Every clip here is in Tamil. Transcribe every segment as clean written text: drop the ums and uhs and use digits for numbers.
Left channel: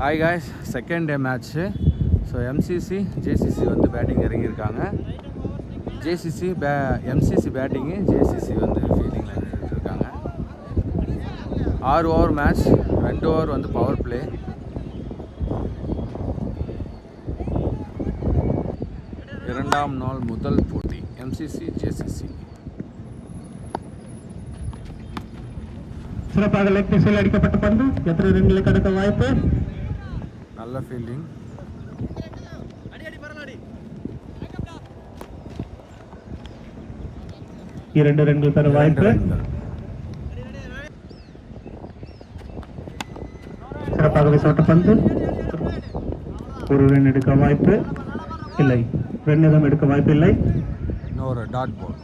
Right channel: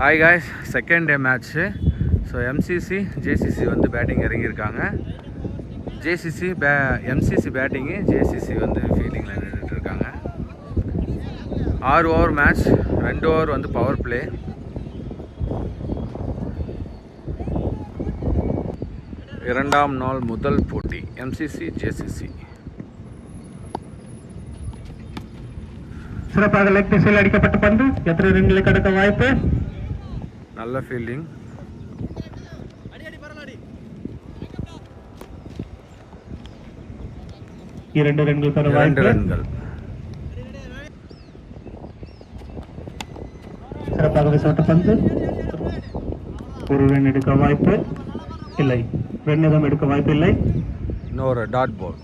Hi guys, second day match. So MCC JCC வந்து பேட்டிங் இறங்கியிருக்காங்க. எம்சிசி பேட்டிங்கு, ஜேசிசி வந்து ஃபீல்டிங்கில் நின்றுட்டுருக்காங்க. 6 ஓவர் மேட்ச், 2 ஓவர் வந்து பவர் பிளே. இரண்டாம் நாள் முதல் போட்டி எம்சிசி ஜேசிசி. சிறப்பாக லெக் திசையில் அடிக்கப்பட்ட பந்து எத்தனை ரன்களை கடக்க வாய்ப்பு? நல்ல ஃபீல்டிங். இரண்டு ரன்கள் பெற வாய்ப்பு. சிறப்பாக வீசப்பட்ட பந்து ஒரு ரன் எடுக்க வாய்ப்பு இல்லை, ரன்னிதம் எடுக்க வாய்ப்பு இல்லை. இன்னொரு டாட் பால்.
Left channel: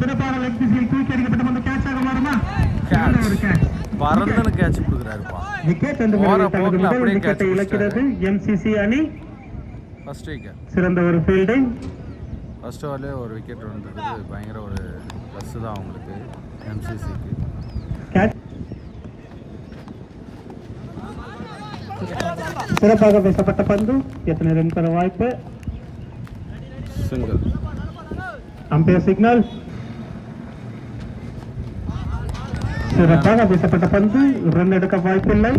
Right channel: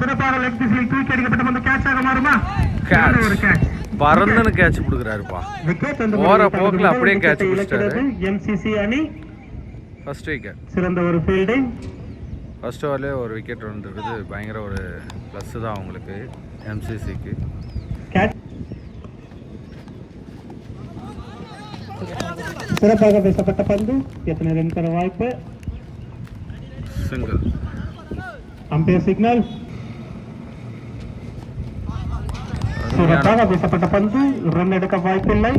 சிறப்பாக லெக் திசையில் தூக்கி அடிக்கப்பட்ட பந்து கேட்சாக மாறுமா? கேட்ச் பறந்துன்னு கேட்ச் கொடுக்குறாருப்பா. போகிற போக்கில் அப்படியே கேட்ச் பிடிச்சிட்டாரு. எம்சிசி அணி ஃபர்ஸ்ட் விக்கெட். சிறந்த ஒரு ஃபீல்டிங். ஃபர்ஸ்ட் ஓவர்லேயே ஒரு விக்கெட் வந்துருக்குது. பயங்கர ஒரு ப்ளஸ் தான் அவங்களுக்கு, எம்சிசிக்கு. சிறப்பாக பேசப்பட்ட பந்து எத்தனை ரன் பெற வாய்ப்பு? சிங்கிள். Umpire signal. சிறப்பாக பேசப்பட்ட பந்து ரன் எடுக்க வாய்ப்பில்லை.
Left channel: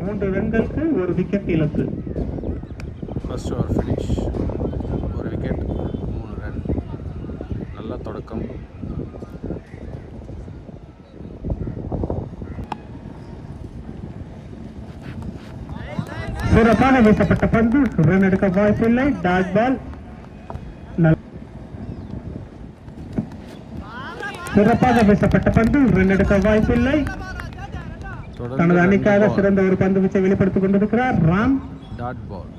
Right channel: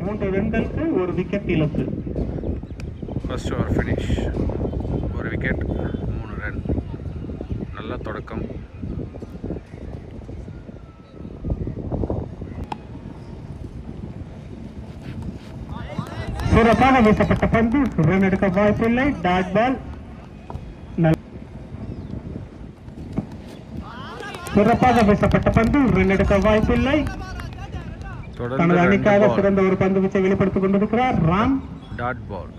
மூன்று ரன்களுக்கு ஒரு விக்கெட் இழப்பு. First over finish. ஒரு விக்கெட், 3 ரன். நல்ல தொடக்கம். சிறப்பாக வீசப்பட்ட பந்து ரன் எடுக்க வாய்ப்பில்லை. Dot ball. சிறப்பாக வீசப்பட்ட பந்து ரன் எடுக்க வாய்ப்பில்லை. தொடர்ந்து அணிக்காக சிறந்த ஒரு பந்து வீச்சை வெளிப்படுத்திக் கொண்டிருக்கிறார் ராம். Dot ball.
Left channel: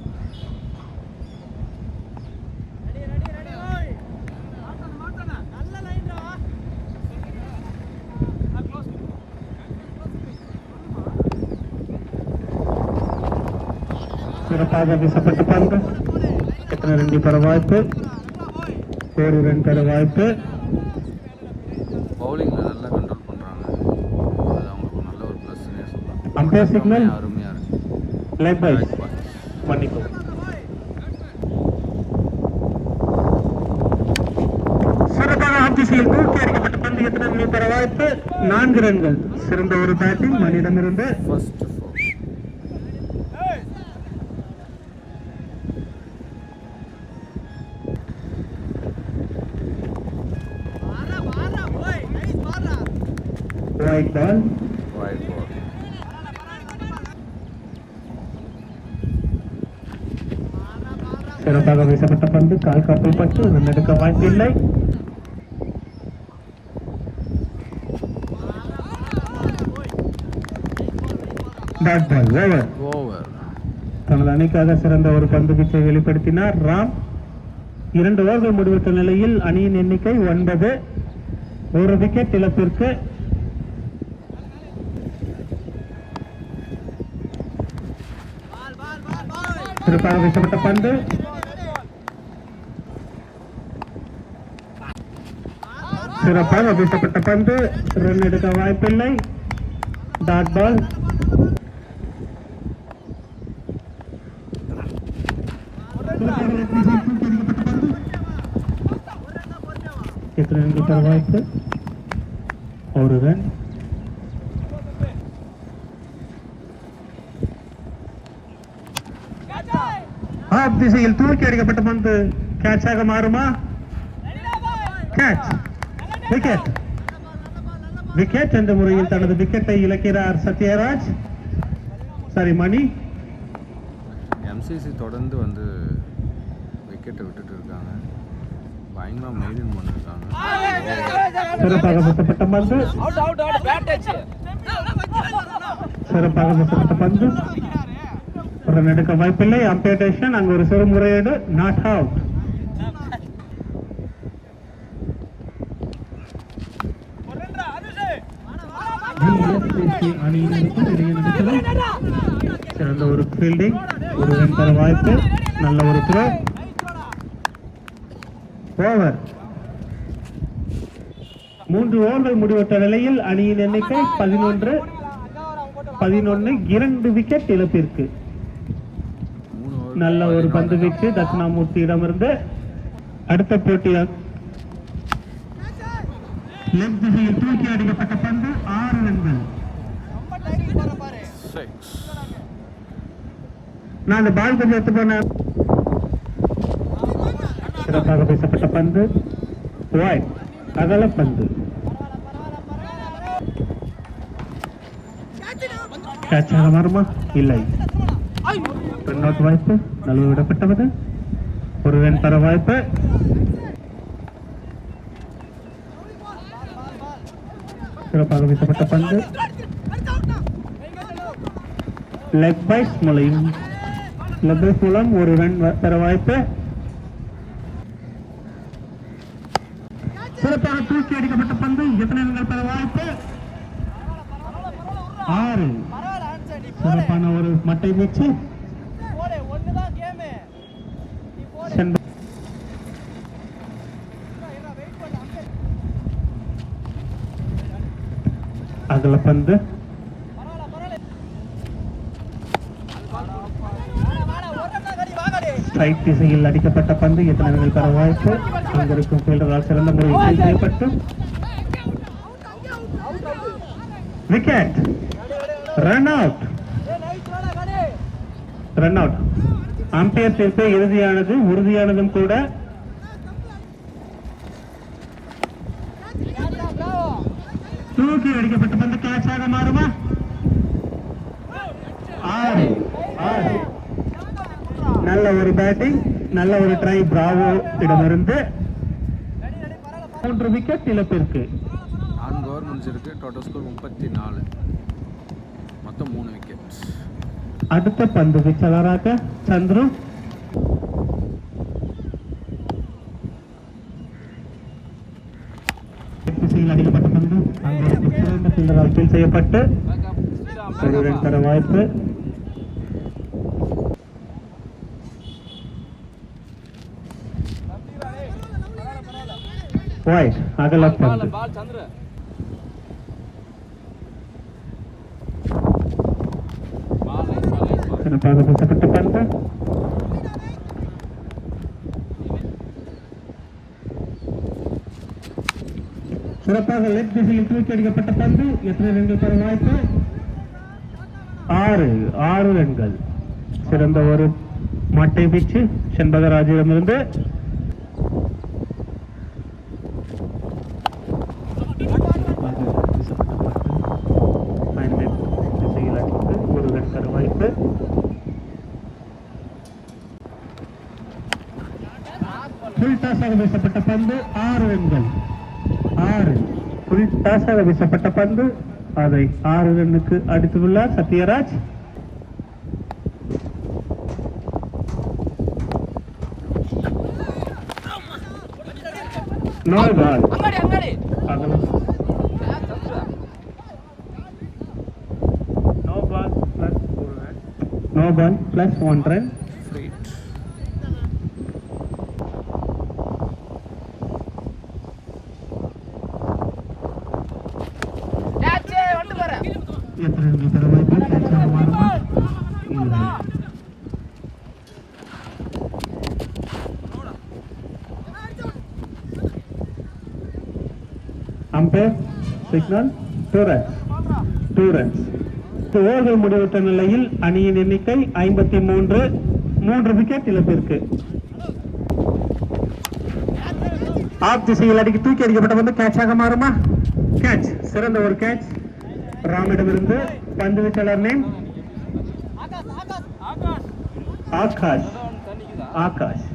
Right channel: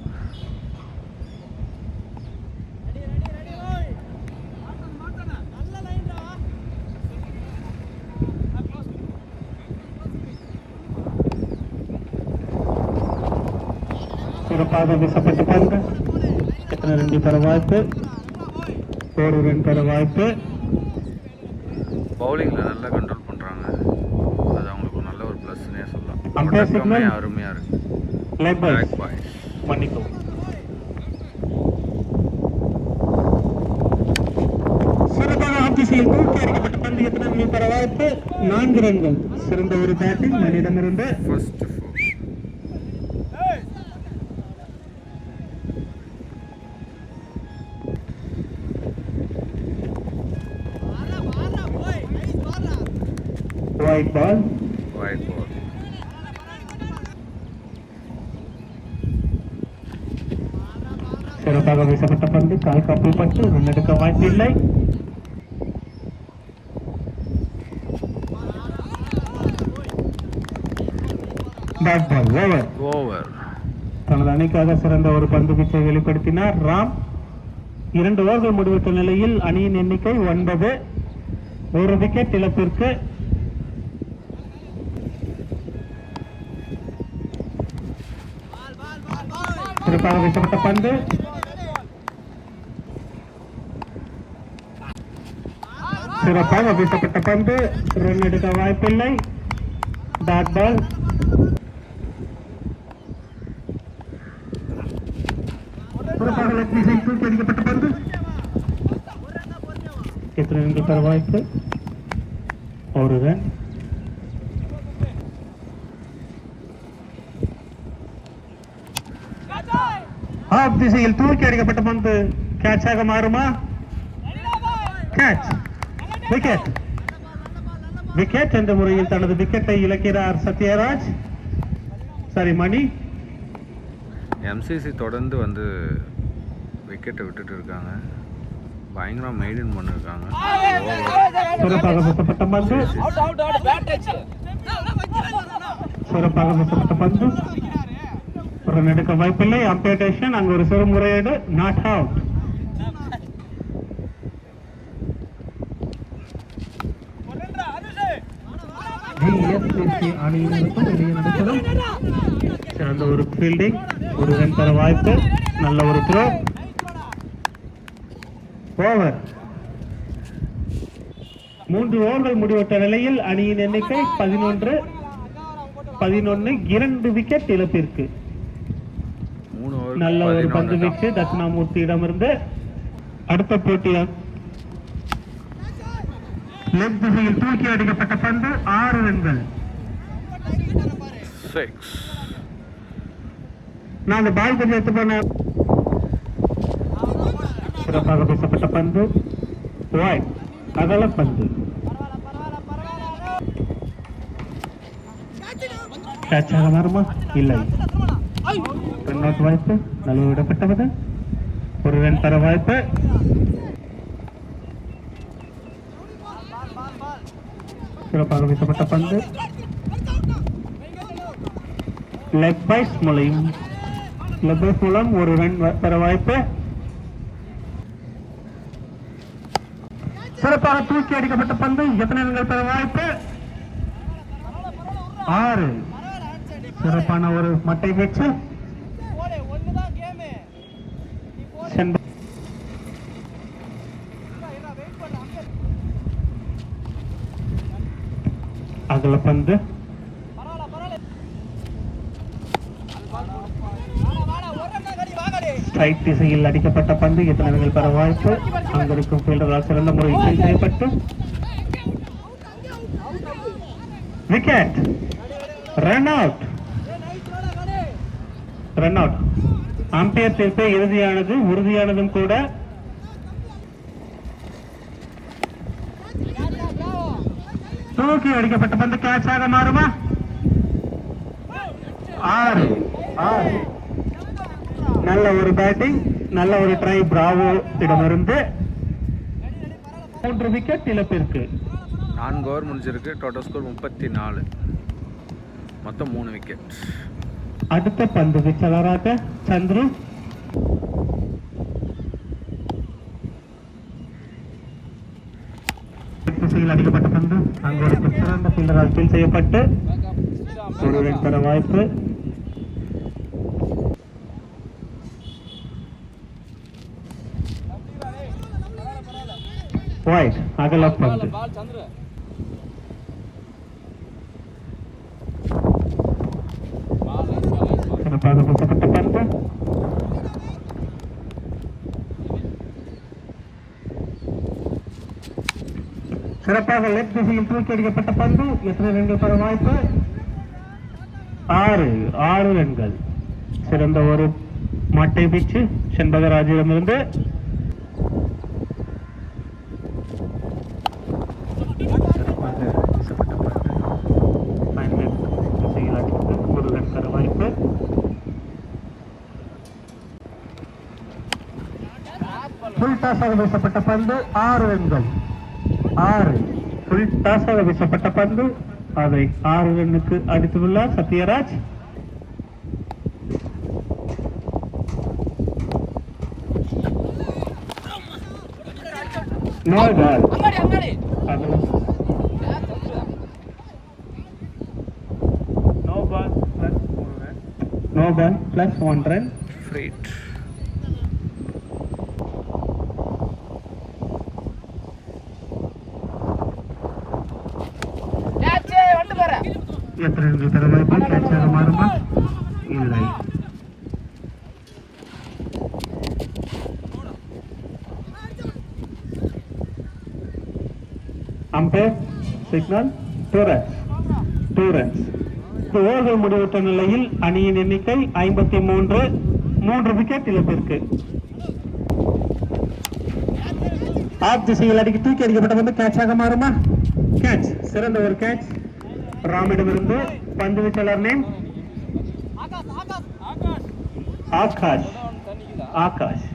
சிறப்பாக வீசப்பட்ட பந்து எத்தனை ரன் பெற வாய்ப்பு? ஒரு ரன் பெற வாய்ப்பு. பவுலிங்கில் நல்லா கண்ட்ரோல் பண்ணுறாங்க. அது அவங்களுக்கு நல்ல ஒரு ப்ளஸ்னே சொல்லலாம். தொடக்கமே அருமையாக இருக்குது. சிறப்பாக ஆப் திசையில் தூக்கி அடிக்கப்பட்ட பந்து எத்தனை ரன் பெற வாய்ப்பு? 4 ரன்கள். சிறந்த ஒரு பேட்டிங் மனிதனிருந்து. First White ball. சிறப்பாக வீசப்பட்ட பந்து கால் கப்பல் பட்டு ரன் எடுக்க வாய்ப்பில்லை. ஓவர். தனது அணிக்காக சிறந்த ஒரு பந்து வீச்சை வெளிப்படுத்தினார் ராம். 2 ஓவர்கள் முடிவுற்ற நிலையில் அணியின் எண்ணிக்கை 9. ஒரு விக்கெட் இழப்பிற்கு. சிறப்பாக வீசப்பட்ட பந்து சிறப்பாக வீசப்பட்ட பந்து ரன் எடுக்க வாய்ப்பில்லை. டாட் பால். தூக்கடிக்கப்பட்ட பந்து எத்தனை ரன் வாய்ப்பு? ஒரு ரன். ஆப் திசையில் தூக்கி அடிக்கப்பட்ட பந்து கேட்சாக மாறுமா? கேட்ச். விக்கெட். விக்கெட் என்ற முறையில் தனது விக்கெட்டை இழக்கிறார் சத்யராஜ். சரி மணி. எம்சிசி தொடர்ந்து வந்து விக்கெட்டை விட்டுட்டு இருக்காங்க. பயங்கரமாக மெயின்டைன் பண்ணிருக்காங்க. சிறப்பாக வீசப்பட்ட பந்து சிறப்பாக வீசப்பட்ட பந்து ரன் எடுக்க வாய்ப்பில்லை. அம்பேடேஷன் அங்கு ஒரு சிறு முறையீடு. Not out. ஒரு ஃபீல்டிங் வாய்ப்பு. நல்ல ஒரு த்ரோ. ஓவர். 3 ஓவர்கள் முடிவற்ற நிலையில் அணியின் எண்ணிக்கை 11. 2 விக்கெட் இழப்பிற்கு. 3 நல்ல ஓவர் ஒரு பந்து 11 தான். வீச்சு தட்சிணாமூர்த்தியிடமிருந்து. அடுத்த போட்டியா லெக் திசையில் தூக்கி அடிக்கப்பட்ட பந்து 6 ரன்கள். 6. நான் பால் கொஞ்சம் எடுத்து போன சிறப்பாக பேசப்பட்ட பந்து ஒயிட். அகல பந்து கேட்ச் ஆக வருமா? இல்லை. ரன்பாக் வாய்ப்பு நல்ல விடப்பட்டது. ஒரு ரன் தர வாய்ப்பு. சிறப்பாக வீசப்பட்ட பந்து லெக் பைஸ் மூலம் ஒரு ரன் தர வாய்ப்பு. சிறப்பாக தூக்கி அடிக்கப்பட்ட பந்து எத்தனை ரன்கள் பெற வாய்ப்பு? 6. சிறப்பான ஒரு மட்டை வீச்சு. அகல பந்து ஸ்ட்ரைக் திசையில் அடிக்கப்பட்ட பந்து எத்தனை ரன்கள் பெற வாய்ப்பு? அங்கிருக்கும் ஃபீல்டரால் சிறந்த முறையில் செய்யப்பட்டு wicket. Run out. Run out. Umpire தீர்ப்பு இறுதியானது, உறுதியானதும் கூட. தூக்கி அடிக்கப்பட்ட பந்து கேட்சாக மாறுமா? 6. நல்ல ஒரு பேட்டிங், நல்ல ஒரு ட்ரை பிராவோ இடமிருந்து. 3 விக்கெட் இழப்பிற்கு. 4 ஓவர் முடிஞ்சிருக்கு. Total score 34. மொத்தம் 3 விக்கெட். அடுத்த பந்து வீச்சாளராக சந்துரு. திசையில் அடிக்கப்பட்ட பந்து அங்கோடு சிறந்த ஃபீல்டரால் கீழ் செய்யப்பட்டு ஒரு ரன் தர வாய்ப்பு. ஒயிட். அகல பந்து சிறப்பாக வீசப்பட்ட பந்து சிறப்பாக லெக் திசையில் தூக்கி அடிக்கப்பட்ட பந்து எத்தனை ரன்கள் பெற வாய்ப்பு? 6 ரன்கள். சிறந்த ஒரு மட்டை வீச்சு செண்பகராஜிடமிருந்து. வீசப்பட்ட பந்து 6 ரன்கள். 6 வீசப்பட்ட பந்து அதை 6 ரன்னுக்கு அடித்துள்ளார் Sathyaraj. No ball. No ball plus 1 run. Free. எத்தனை ரன்கள் பெற வாய்ப்பு? கேட்சாக மாறுமா? இல்லை. Umpire signal 2 runs. 2 runs. ஓவர்கள் முடிவுற்ற நிலையில் அணியின் எண்ணிக்கை 53. 3 விக்கெட் இழப்பிற்கு. ஆப் திசையில் அடிக்க தூக்கி அடிக்கப்பட்ட வந்து கேட்சாக மாறுமா? கேட்ச். சிறந்த ஒரு கேட்ச். ராமிடமிருந்து பந்து வீச்சாளர் நேம் ஆகாஷ். ஆகாஷ்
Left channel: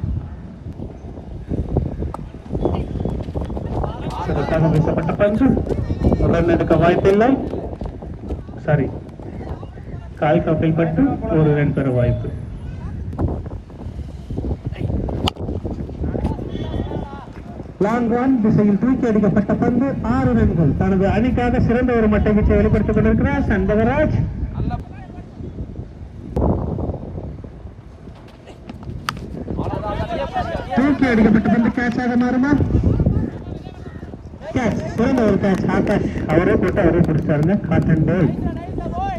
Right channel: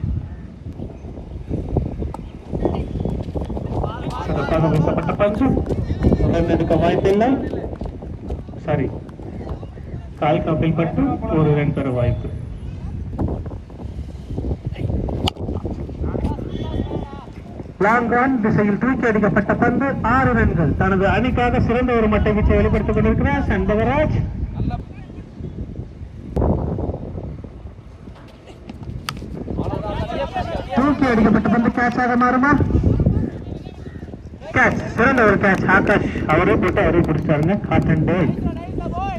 பந்து ரன் எடுக்க வாய்ப்பில்லை. சரி, கால் கப்பில் பட்டு ஒரு ரன் பெற வாய்ப்பு. ராம் திசையில் தூக்கி அடிக்கப்பட்ட பந்து 6 ரன்கள். தனது அணிக்காக சிறந்த ஒரு மட்டை வீச்சை வெளிப்படுத்திக் கொண்டிருக்கிறார் செண்பகராஜ். தூக்கி அடிக்கப்பட்ட பந்து கேட்சாக மாறுமா? கேட்ச், சிறந்த ஒரு கேட்ச் ஆகாஷ் அவரே போட்டு அவரே பிடிச்சாருங்க. காட்டன் பால்,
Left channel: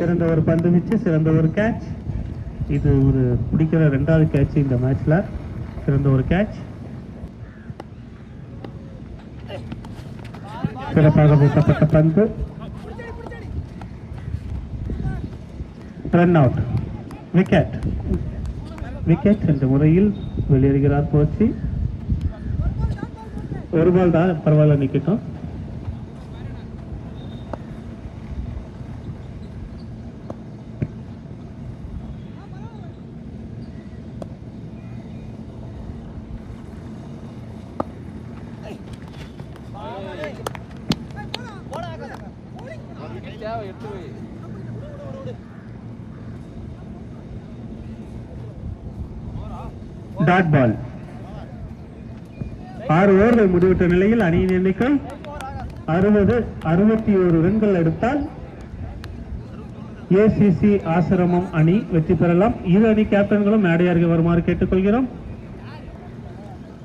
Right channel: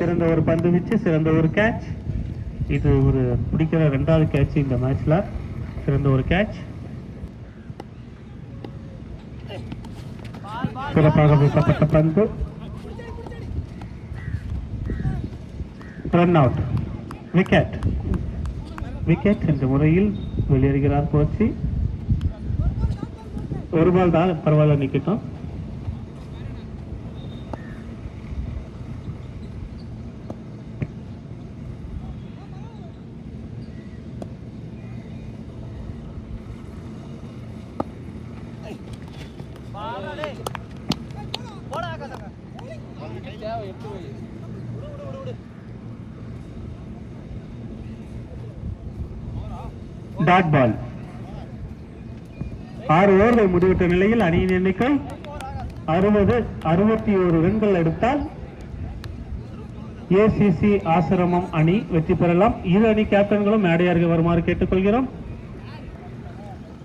சிறந்த ஒரு பந்து வீச்சு, சிறந்த ஒரு கேட்ச். இது ஒரு பிடிக்கிற 2வது கேட்ச் இந்த மேட்ச்ல. சிறந்த ஒரு கேட்ச், சிறப்பாக போட்டப்பட்ட பந்து. Run out, wicket. விக்கெட் என்ற முறையில் வெளியேறுகிறார் கோச்சி. ஒரு பால் தான், பரவாயில்ல, நிக்கட்டும். Dot ball. 6 ஓவர்கள் முடிவுற்ற நிலையில் அணியின் எண்ணிக்கை 61 ரன்கள் எடுத்தால் ஏசிசி ஆசிரமம் அணி வெற்றி பெறலாம். இரு அணி கேப்டன்களும் மேடையார்கள் வருமாறு கேட்டுக்கொள்கிறோம்.